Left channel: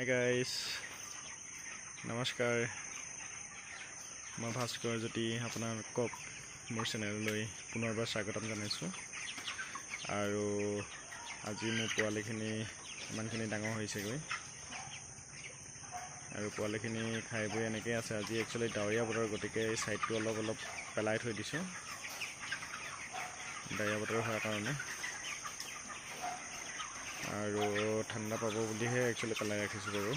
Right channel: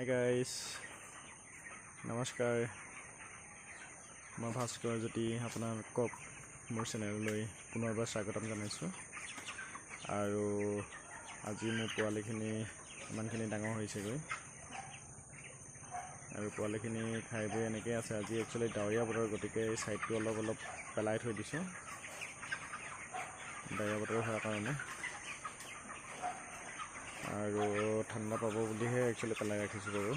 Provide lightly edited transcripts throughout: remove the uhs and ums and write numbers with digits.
Hi guys, নমস্কাৰ। মই ভাস্কৰ জ্যোতি আপোনালোকক মোৰ চেনেললৈ পুনৰবাৰ স্বাগতম জনাইছোঁ। আৰু আজি মোৰ পোৱালিখিনি ইমানখিনি ডাঙৰ হৈছেগৈ আৰু পোৱালিখিনি খাই বৈ এনেকৈ আছে। আজি একচুৱেলি ডাৱৰীয়া বতৰ, গতিকে এই ছাইডটো অলপ পেলাই থৈ দিছোঁ ডাৱৰীয়া বতৰ হোৱাৰ কাৰণে, আৰু ঠাণ্ডা পাব বুলিহে একচুৱেলি পেলাই ৰাখিছোঁ বাৰু।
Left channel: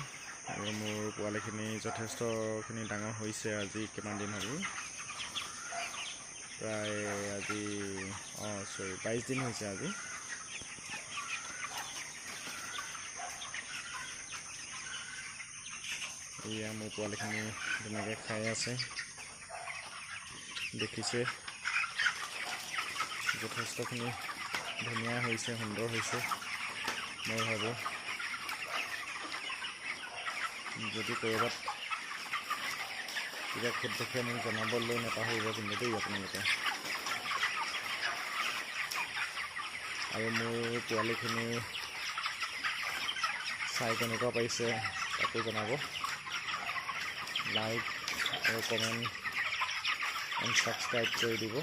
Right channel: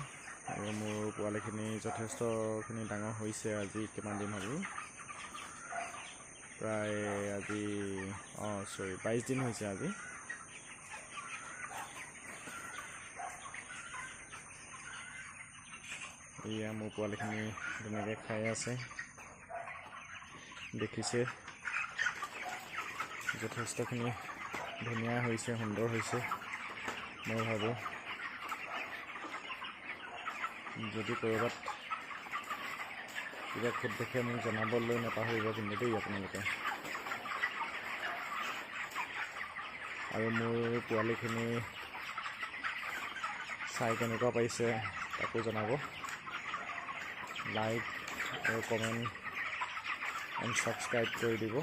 আৰু মোৰ পোৱালিখিনি যথেষ্টখিনি ডাঙৰ হৈছে। আজি কিমান দিন হ'ল, প্ৰায় আজি 22 দিন হৈছে আজি। এয়া মোৰ পোৱালিখিনি ধুনীয়াকৈ খাই আছে, দেখিছে যথেষ্টখিনি ধুনীয়া হৈছে, সুন্দৰ হৈছে। মই ভাবোঁ যদি ক'ৰবাত কিবা খুঁত দেখে মোক জনাবলৈ নাপাহৰিব কিন্তু দেই আপোনালোকে। আৰু মোৰ পোৱালিখিনি চাই কেনেকুৱা পাইছে তাকো জনাব। লাইক আৰু কমেণ্ট এণ্ড ছাবস্ক্ৰাইব কৰি দিব।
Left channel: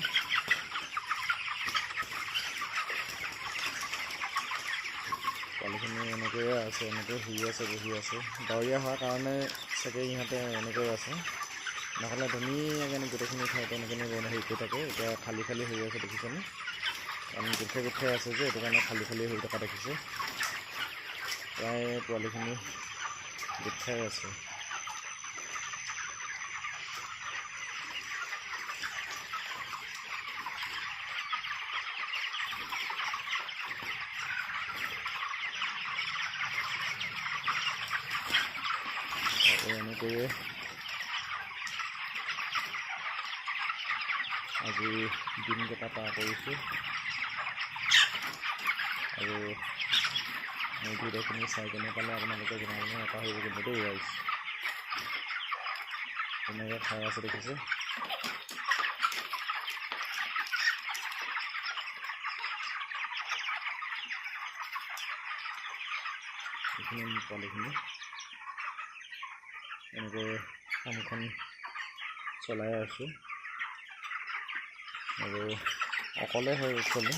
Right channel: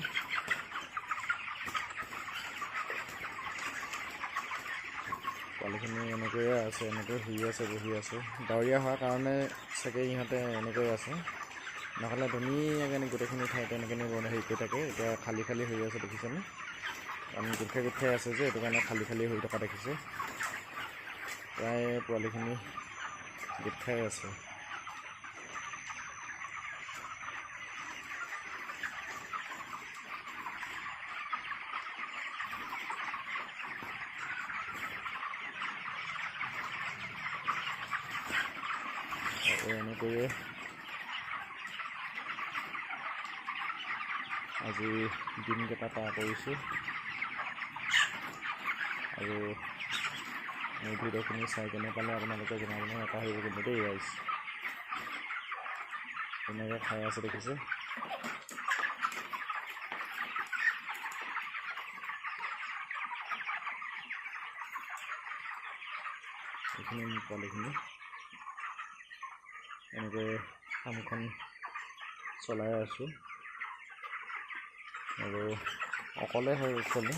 পোৱালিখিনি এনেকৈয়ে আছে, এনেকৈ শুই আছে, বহি আছে। ডাৱৰীয়া হোৱাৰ কাৰণে চাগে ইহঁতে এনেকৈ আছে, নহ'লে ধুনীয়াকৈ গোটেইখিনি ঠাইতে এনেকৈ হেৰি কৰি থাকে। এতিয়া খালী হৈ আছে, দেখিছেনে? কাৰণ গোট খাই আছে যে, এইটো কাৰণে খালী হৈ থকা দেখিছে। প্ৰায় পোৱালিখিনি গোট খাই আছে। আৰু এনেকৈয়ে আজি দিনকেইটা পাৰ কৰিছোঁ। আৰু মোৰ ভিডিঅ'খিনি চাই কেনে পালে আপোনালোকে জনাবলৈ নাপাহৰিব কিন্তু দেই ৰাইজ। ধুনীয়াকৈ খাই আছে, দেখিছে? এইখিনি মোৰ পোৱালিখিনি এনেকৈ কামখন চলাই আছোঁ। আৰু অকলে হয়, একচুৱেলি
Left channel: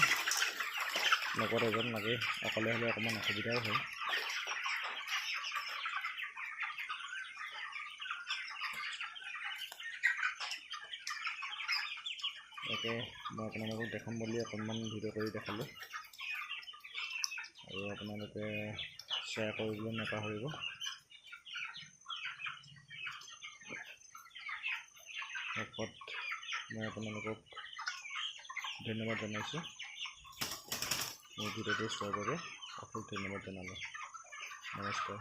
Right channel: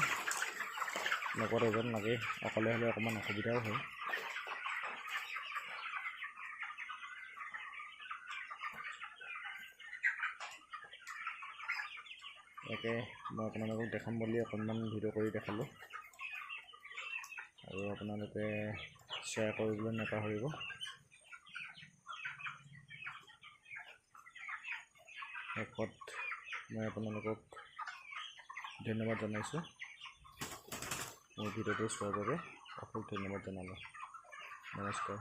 লগত এজন লাগে। অকলে হ'লে অকণমান অসুবিধাও হয়। তাকে মই আপোনালোকক দেখাম বুলি অকণমান ভিডিঅ' কৰি দেখালোঁ। আৰু আপোনালোকে শ্বেয়াৰ কৰিবলৈ নাপাহৰিব। শেষত মই আপোনালোকক ধন্যবাদ জনাইছোঁ। মোৰ ভিডিঅ'টো চোৱাৰ বাবে অশেষ ধন্যবাদ জনালোঁ। নমস্কাৰ।